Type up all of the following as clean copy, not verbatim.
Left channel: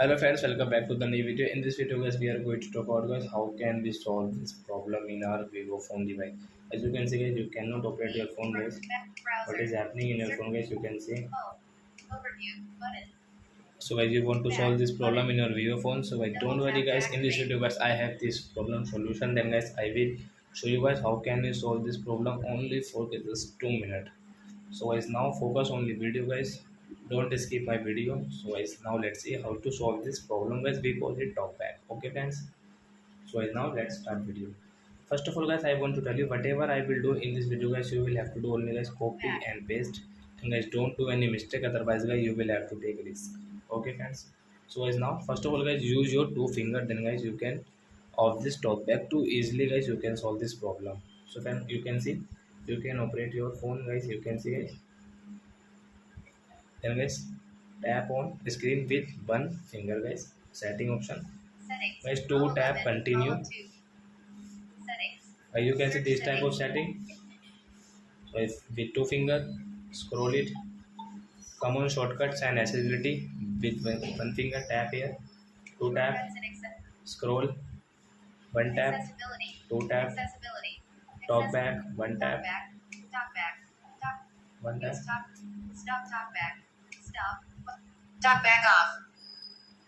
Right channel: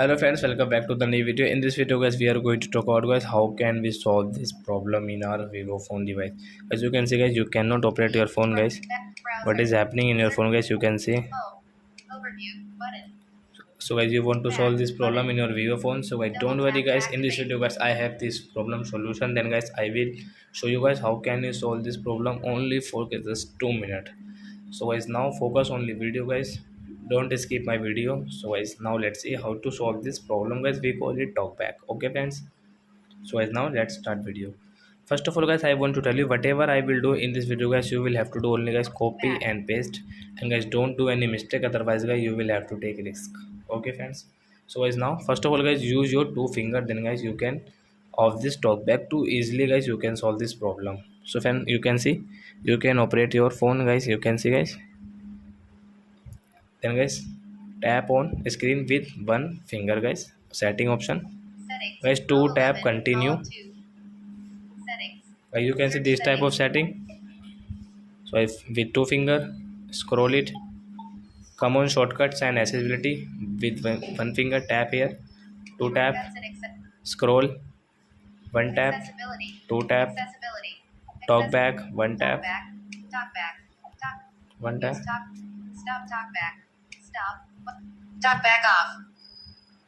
Hello friends, welcome back to the new video. In this video guys, we are going to talk about guys how can we solve this problem in our Vivo phone device. As you can see guys, you cannot operate your phone guys. What is happening in your phone guys, you can see. So guys, you want to solve this problem in your Vivo phone. So guys, don't worry guys, in this video guys, I have this problem solution. Then guys, I will show you guys how can you solve this problem only for just 2 minutes. So guys, now focus on the video guys, don't skip my video. So guys, now let's see how to solve this problem guys. We call it talkback. Okay friends, so guys, now let's start video. First of all guys, I want to tell you whatever I will do in this video guys, you will have to do only guys copy and paste, and guys don't do any mistake, otherwise guys you will have to take risk. Okay friends, so guys, now first of all guys, use your two finger, then guys you can of this talkback to easily guys you can solve this problem. So friend, you can see, you can operate your phone guys, you can see guys. Then guys, tap on screen with one finger guys, setting option guys, to tap continue. You can see this type of setting. So if with two finger scroll it, come on shortcuts and accessibility with one finger, tap here, two tap, scroll, one tap, two tap, talk back, one tap, one tap. Talk back off.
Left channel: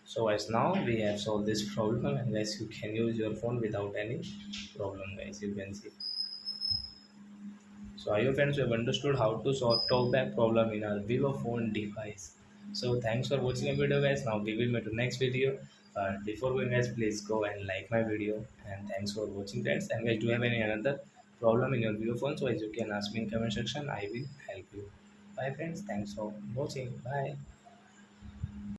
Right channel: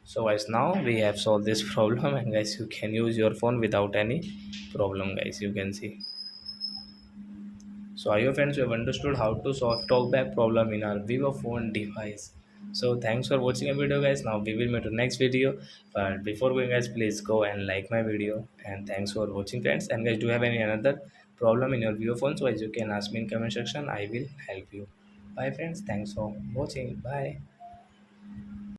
So guys, now we have solved this problem, and guys you can use your phone without any problem guys, you can see. So I hope friends you have understood how to solve talkback problem in our Vivo phone device. So thanks for watching a video guys. Now we will meet in next video. But before going guys, please go and like my video. And thanks for watching friends. And guys, do you have any another problem in your Vivo phone? So as you can ask me in comment section, I will help you. Bye friends. Thanks for watching. Bye.